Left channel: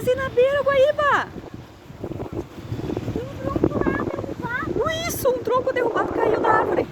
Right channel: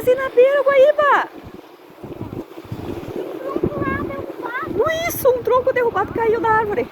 quase na beira, Guaíba. Isso, um tronco derrubado caiu da árvore.